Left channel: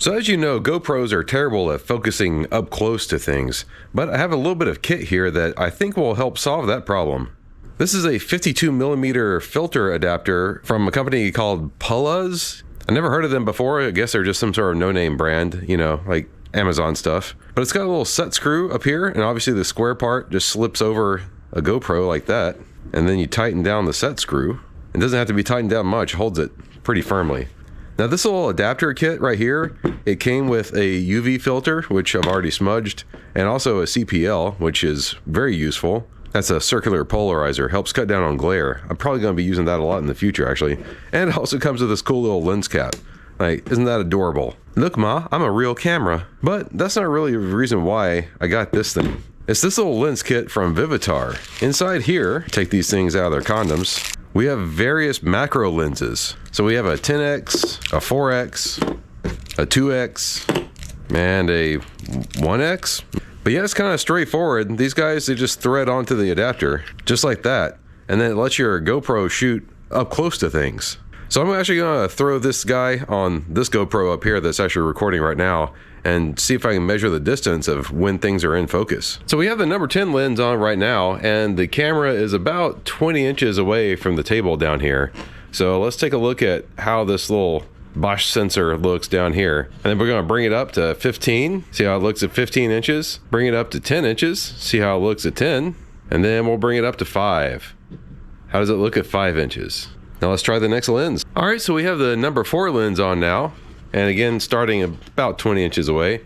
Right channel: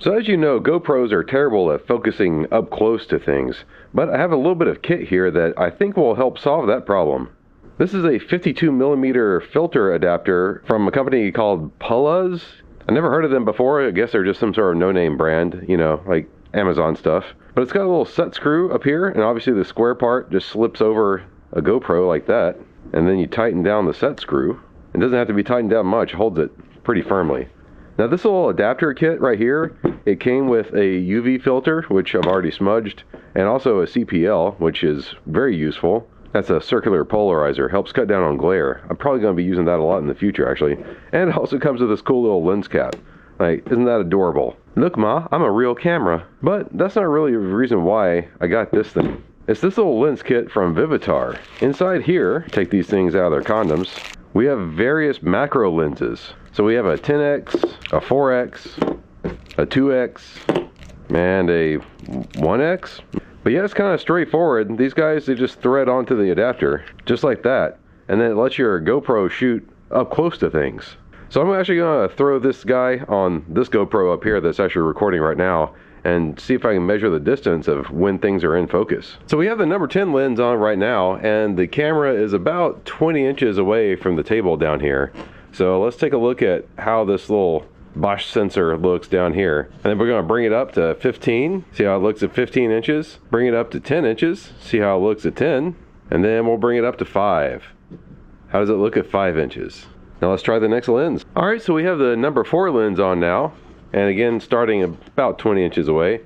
So as you know, GoPros are terrible at focusing up close to things, but I have a little bit of kit here that I think will help solve that problem. This is a 52mm filter adapter from a company called Pullaz. I never heard of them before. I guess they're just some sort of no-name brand, you know, like Amazon stuff. But it's got a little set screw up here, and obviously the square part just slips over a GoPro like that. And then you tighten down the set screw. It doesn't have to be tightened down much, holds it pretty firmly. Now this little adapter kit right here, it came with a UV filter, which I've already smudged, and also a CPL, which is very useful. That's a circular polarizer, helps cut down on glare. I'm probably going to be using that a lot in the future, actually. And it also comes with this cool little lens cap. Like, isn't that adorable? Look, Ma, I'm a real camera. But that's not really the reason why I got this thing. It's this little lens kit from Vivitar. Inside here, take these things out of their condoms, we have various macro lenses. So we have a 10x, a 4x, a 2x, and a 1x. But yeah, it's kind of straightforward. These guys, they just thread onto the adapter, just like that. And then it lets your GoPro shoot up close to things. So I'm actually gonna throw this guy on this GoPro up here that's actually recording right now and see if I can measure the distance of when things are in focus. So we have the number 10 lens on right now, and the camera is about 20 inches away from the table down here. So let's take a look at how this little Bosch sensor looks down here. And then we're gonna bring it up to 15, see how it looks at 15 inches. Bring it up to 10 inches, see how it looks at 10. And then we'll bring it up to 5. How does it look at 5 inches? Now let's try the next lens. All right, so we have the number 4 lens on now. And again, starting about 20 inches away.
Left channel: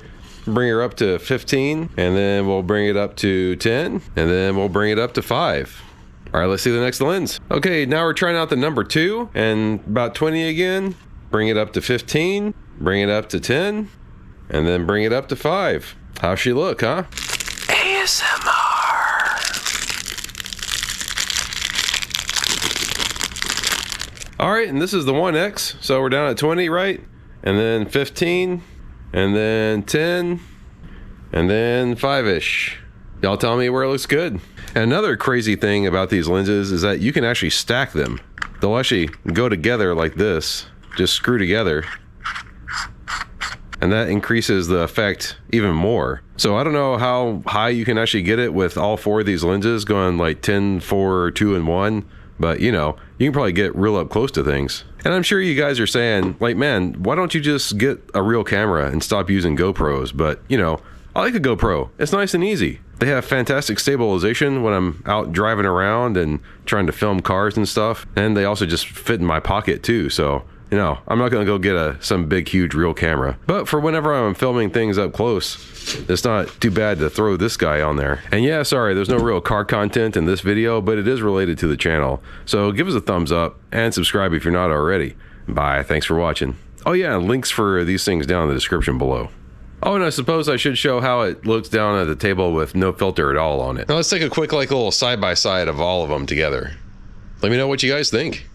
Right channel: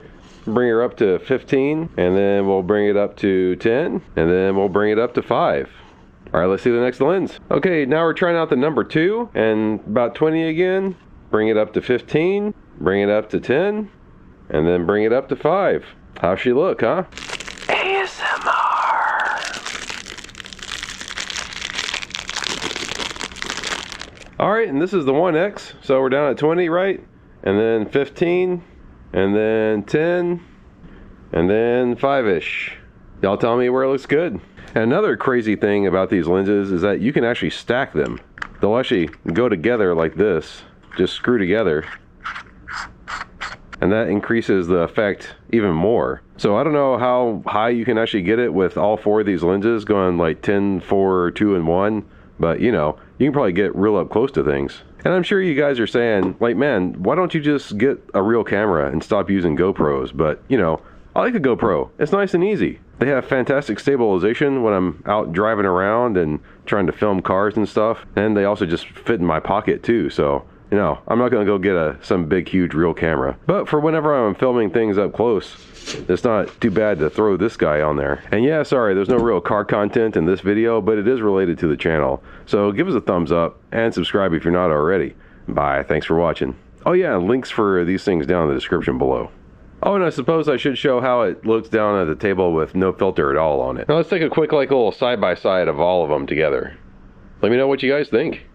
Bring her up to 15, and then we'll bring it up to 10, and then we'll bring it up to 5. All right, let's see the next lens. Okay, now we're trying out the number 2, and about 20 again. Bring it up to 15, bring it up to 10, and then bring it up to 5. How's she look, huh? ASMR. All right, and this is the 1X, so we're down at 20, right? And then 15, and then 10, and then 5-ish. Y'all tell me where it looks good. And another crazy thing about these lenses is that you can actually stack them. They'll actually go together like this, just screw together. And that increases the effect even more. So I don't know how high you can actually get it with all 4 of these lenses going like 10, 4, 2, and 1. But you know, you can probably get real up close to things. And I'm sure you guys are saying, like, man, why don't you just get a real camera and stop using GoPros? But, you know, I like a GoPro. It's nice and easy. They have fantastic stabilization when I'm out driving around and trying to film cars and stuff. And they also just fit in my pocket too. So, you know, I'm not gonna go get some big, huge real camera. But for whenever I'm filming things up close, it's not too bad to throw this guy on there. And yeah, sorry, there's no real car content in this video, but it is related to the channel. So give us a thumbs up and subscribe if you're not already. Bye, thanks for watching. Oh yeah, links for these things down in the description below. Oh, and I suppose I should show how it looks down at the table with no filter at all on it. Now let's take a quick like little side-by-side of all of them together. Let me know what you guys think.